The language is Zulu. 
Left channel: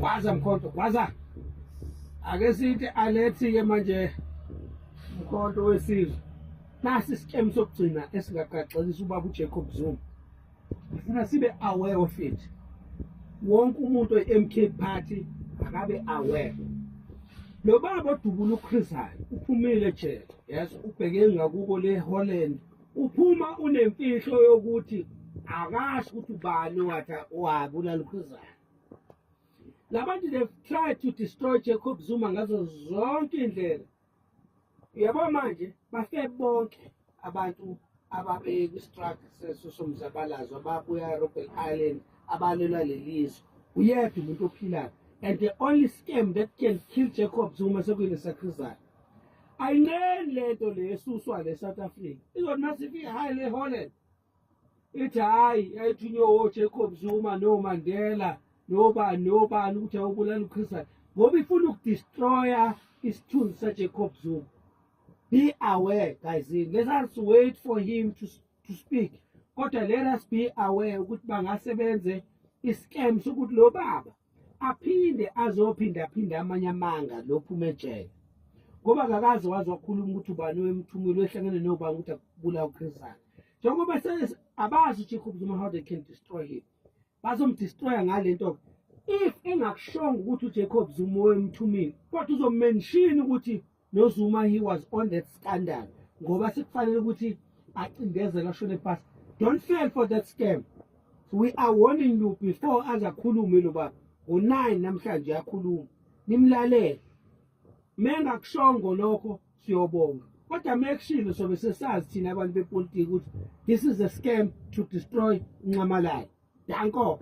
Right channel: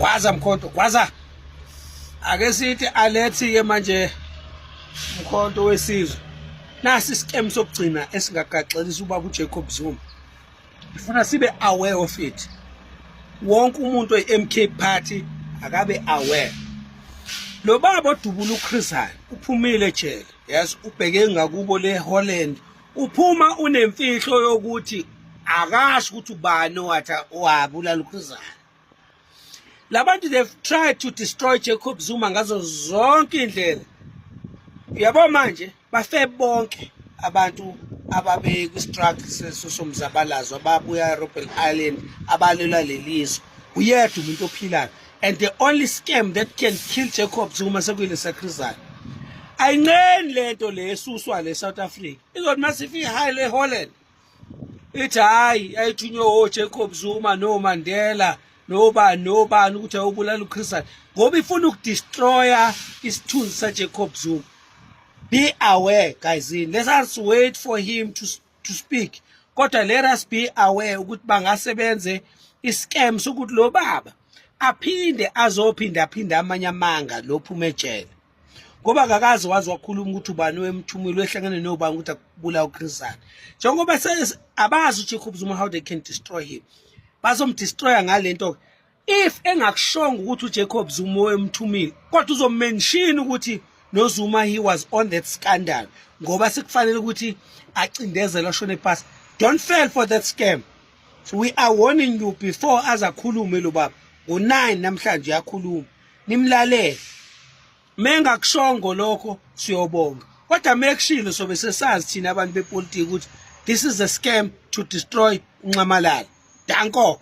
Gwaza Mkhonto, gwaza. Ake sithi alethi ke manje Mkhonto wesizwe. Nasi scam sokugcina esingagaxelisa ubaba uJacob Zuma. Ngifuna sibe aware of it. Wonke umuntu oyi-MK party akabe aware. Lo baba odubula uChris Hani uphumile ejele. Yes, ubheke ngakubo leHolland. Uphuma unemfihlo yokuthi akashi ukuthi ubani owabulala uChris Hani. Labantu they've tried to destroy Jacob Zuma ngazo zonke indlela. Yabo manje bafe bonke abantu ababe kwi-struggle somzabalazo ababuya eRobben Island abalela lelizwe. Uyedwa umuntu ophilayo. And the only scam that can kill Jacob Zuma sekuyile saChris Hani. Ayincane lento le esuswa le South Africa. Izothi masifika high le Holland. Ithi hayi ayithunywe Jacob Zuma no Mandela nobani ukuthi ayobulala uChris Hani ngoba ifuna ukudestroya isithunzi saJacob Zuma. Be aware guys, let us wait for him to speak. Kodwa let us be aware ukuthi bangasebenze iscam sokuthi lo baba aphinde aphinda amanye amanga lophuma ejele. Ngoba akakazi wazi wakhuluma ukuthi ubani wemthumile wehlangene nobani ukuthi akubula uChris Hani. Njengoba abazi uJacob Zuma how they can destroy him. Bazomdestroya ngalento. If engakushonga ukuthi uJacob Zuma wemthumile, kodwa uzomention ukuthi no Zuma he was on that scandal. Ngoba sekufanele ukuthi acindezela ashone phansi. Don't fall for that scam. So we are warning you before azakhulume lo baba. Ngo9 namhlanje yakhuluma. Nimlalele. Mengakushongo lokho siyobonga. Kodwa mekushilo sobe sesazi thina abantu bepolitiki ukuthi this is a scam to destroy uNcamalala. Danko.